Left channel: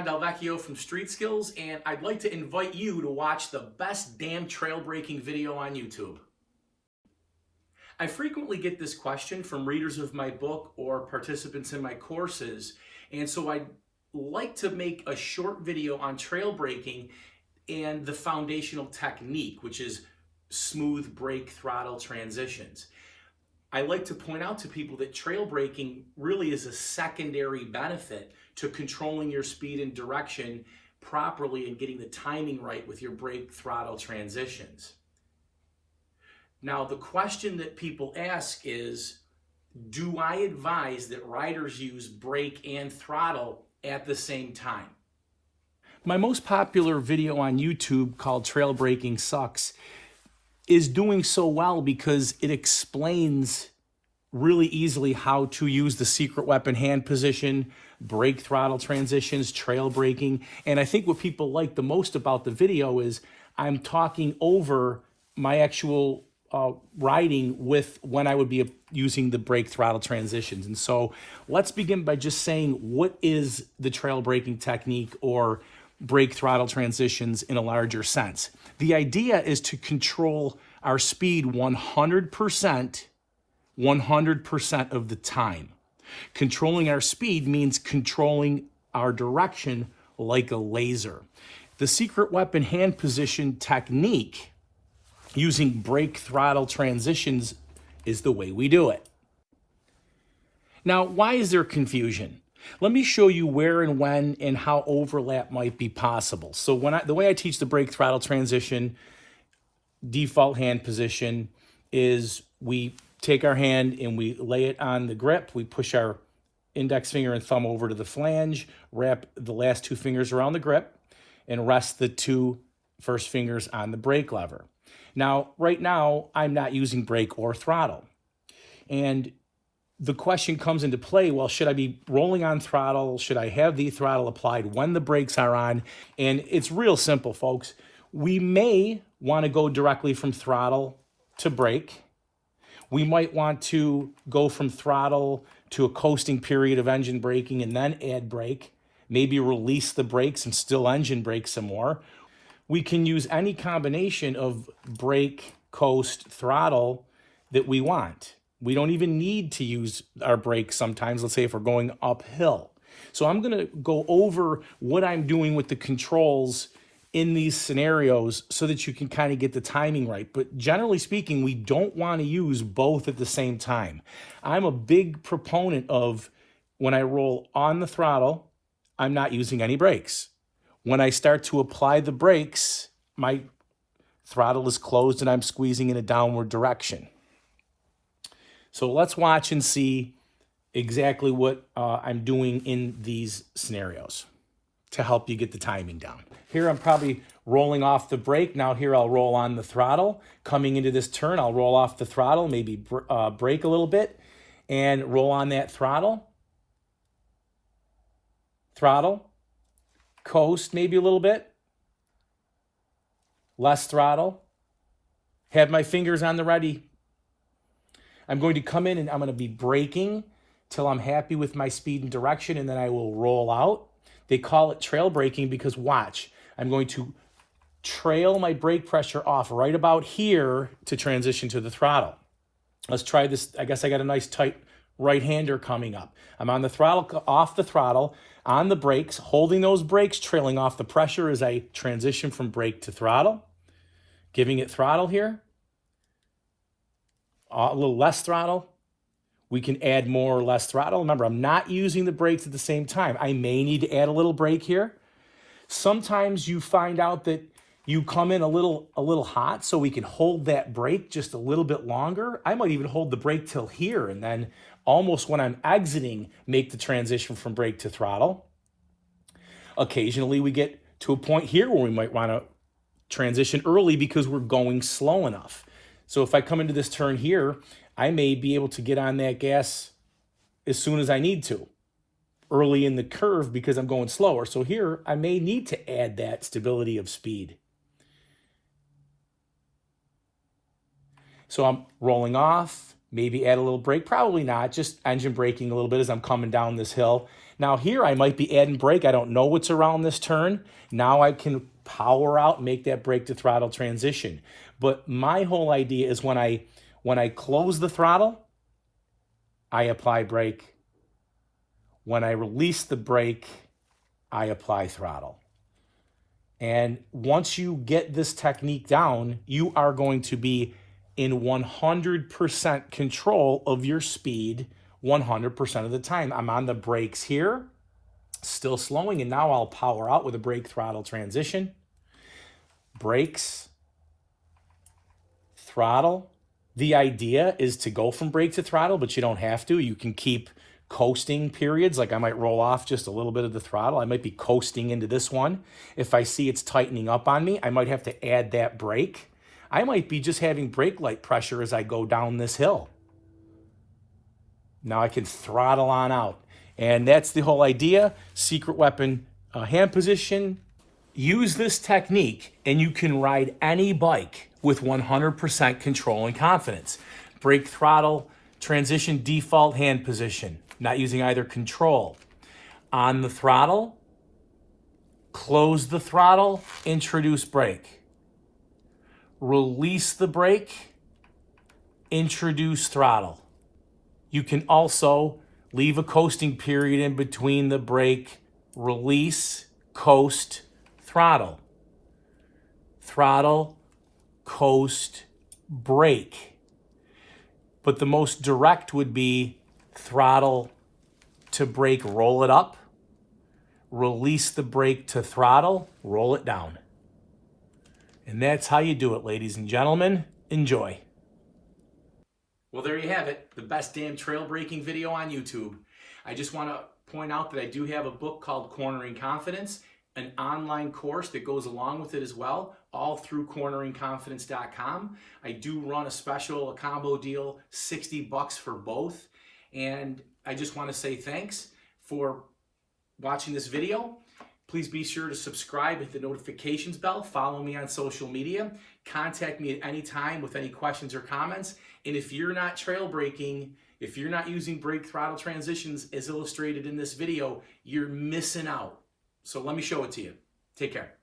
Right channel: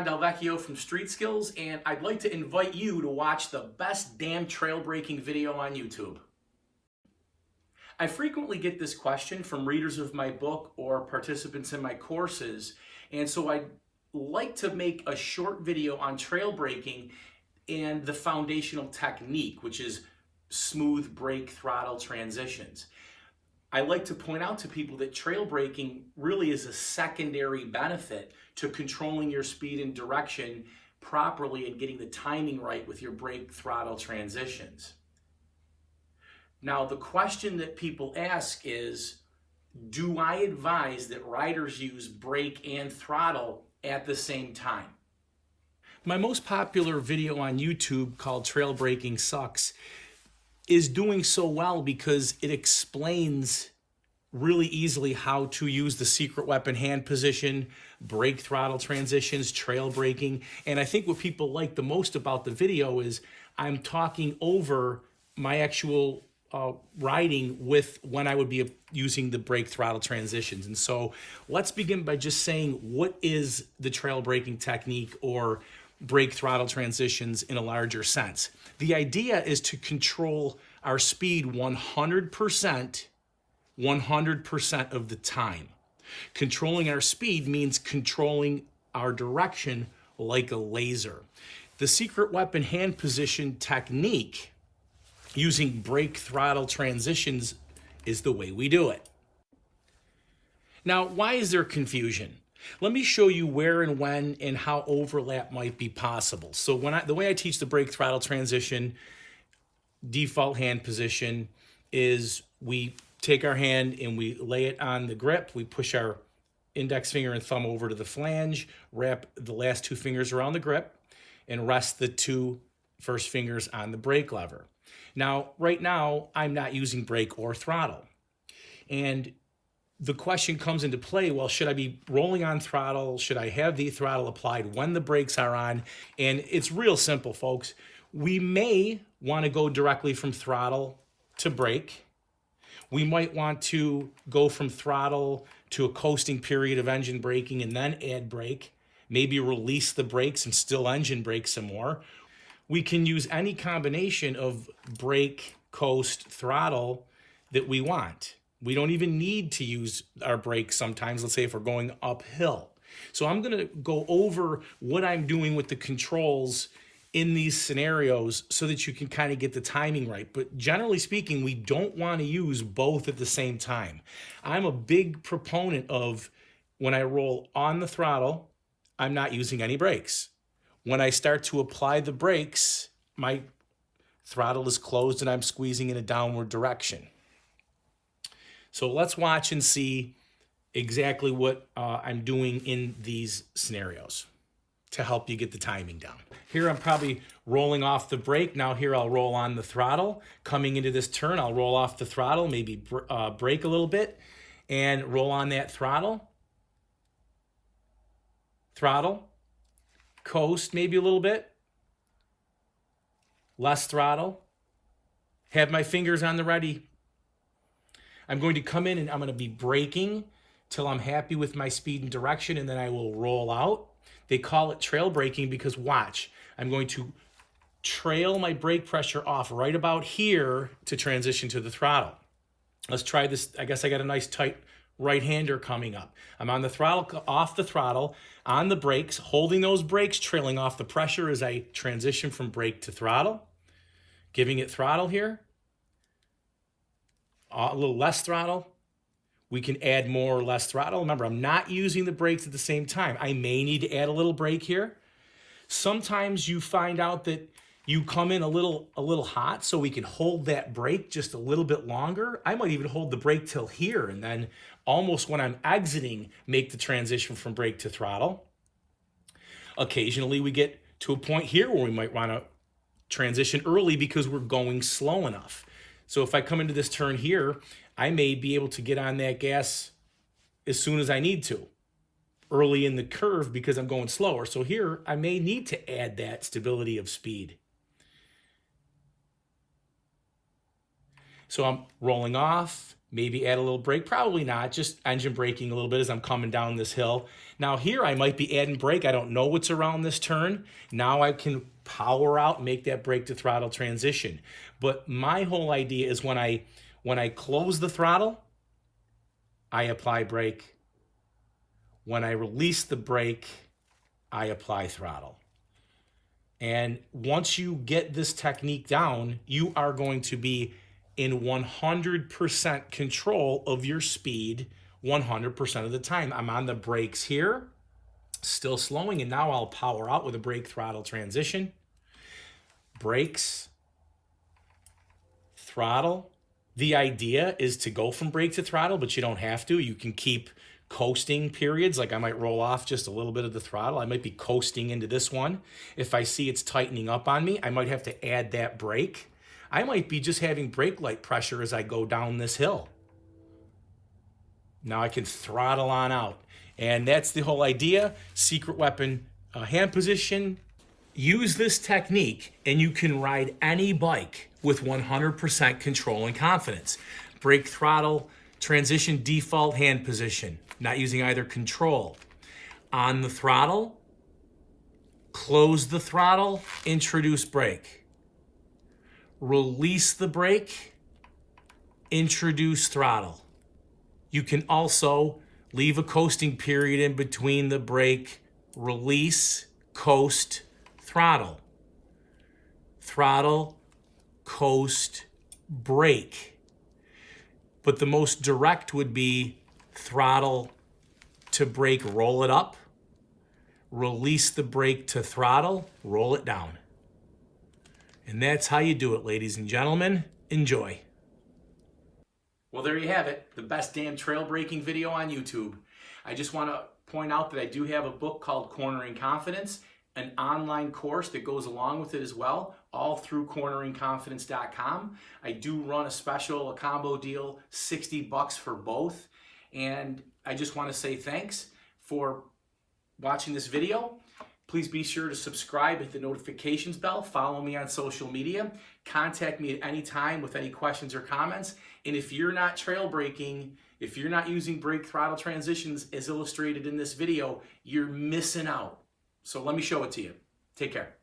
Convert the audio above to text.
John Del Vecchio from Street Skills, and I'd like to invite you to watch the best damn trail breaking video on YouTube. I frequently get this question from readers of my book or participants in my courses, and so I'd like to make a short video on trail breaking and the foundational technique, which is smooth brake throttle transitions. I like to point out to people that trail braking really is a secondary benefit to controlling your speed and direction properly and getting the timing right with your brake throttle transitions. Now, the question that people ask is, do I advise that riders use brake and throttle at the same time? My most popular video on YouTube, called Trail Braking Sucks, is doing so well because it explains really easily how to use the secret weapon hand position, brake throttle transitions, trail braking. And I think what people like the most about the video is I'm talking over my actual riding with when I would be using the brake throttle transitions. And so let's begin by just saying, what is the trail braking technique or brake throttle transitions in a larger sense? The idea is to control our speed 100% of the time. Controlling our speed means controlling our direction like a laser. The secret weapon hand position technique using brake throttle transitions is the way we do it. Now, why is there confusion? Let me show you where and when and how overlap might be possible. So the way I teach the brake throttle transition default hand position is we take our hand and we lay it on the grip. We push our index finger and thumb over to the flange, wrap the last two fingers around the grip, and rest the two first fingers on the brake lever. Now, right now, I'm not using brake or throttle. And the question comes into play, well, should I be rolling on throttle? Should I have the throttle applied when the brakes are on? And it's real simple, folks. We may want to go directly from throttle to brake. We might want to go from throttle to a coasting period of engine braking and then add brake, maybe release the brakes and still engine brake some more. We can use any combination of brake, coast, throttle that we want. We don't even need to use our brakes sometimes, let's say if we're going uphill. So I'm going to go over what I'm doing with the controls in these scenarios so that you can kind of get the timing right. But generally speaking, we don't want to use both at the same time. I'm a big proponent of when I roll on the throttle, I'm not using any brakes. When I start to apply the brakes, my throttle is closed and I'm squeezing in a downward direction. So let's watch and see exactly what I'm doing in these scenarios to help you get the timing down. Here I'm probably rolling off the brake. Now here I'll roll on the throttle. Coming into this turn, I'll roll off the throttle, maybe brake a little bit, and roll on that throttle. Throttle. Coast maybe a little bit. Less throttle. Have my fingers on the ready. I'm going to come in and I'm going to be braking till I'm happy with my speed and direction, and then I will roll out. They call it trail braking because watch, I'm going to trail my brake pressure off right about here to transition to the throttle. Let's try this. I guess I got a nice tight right-hander coming up. I'm on the throttle, off the throttle, on the brakes, holding those brakes, trailing off the pressure as I transition from brake to throttle. Giving it throttle here. A little less throttle. We can add more or less throttle. Remember, I'm not using the brakes at the same time. I may need to add a little brake here. Sometimes you find out that you come in a little hot, so we can hold that brake just a little bit longer. I might even hold the brake till here, and then almost when I'm exiting, make the transition from brake to throttle. Occasionally, we get to a point here where we might want to transition early because we're going slow enough. So if I come into this turn here, I may be able to get on that gas as soon as I need to, early in the curve because I'm going slower. So here, I may need to add that stability of speed. So I'm rolling off, Maybe add a little brake, probably not, just engine braking a little bit as I'm coming down this hill. Now here I might be adding brake. I don't know what's around this turn. Now I can power out and make that brake to throttle transition. But my whole idea is when I close the throttle, I apply brake. When I release the brake, I apply throttle. And once you get this technique down, you are going to be in 100% control of your speed 100% of the time. I'm on the brakes here, still slowing, and now I'll power out with a brake throttle transition. Brakes, throttle. The idea is to go from brake to throttle, but you don't have to. You can keep coasting periods, like I might roll off just a little bit of the throttle. I might be coasting into this one. If I see it's tightening up on me, I might have to add that brake. I might be just having brake light pressure as I go down this hill. Now I can throttle on out. And that's the whole idea. Secret weapon hand position. Use this technique and you can ride any bike with 100% control and confidence. Brake, throttle, transition, default hand position. Not using either control. On the throttle, close the throttle, introduce brake. Release the brake, introduce throttle. You can also leave a coasting period in between the brake, release, coast, throttle. Throttle, coast, brake. But the most direct would be throttle to brake, roll it up. Release the brake to throttle, roll it down. And that's how you do it, ladies and gentlemen. Enjoy. Well, there you have it. The best damn trail braking video on YouTube. I just want to point out that I do have a book called Cornering Confidence, an online course that goes along with it as well, all through corneringconfidence.com. I do run a special, a combo deal, $60 for both. And I just want to say thanks for watching this video. Please be sure to subscribe, hit the notifications bell, follow me on social media, contact me at any time with any questions or comments. And if you're not trail braking, if you're not using brake throttle transitions as illustrated in this video, you're missing out. So let me show it to you. Take care.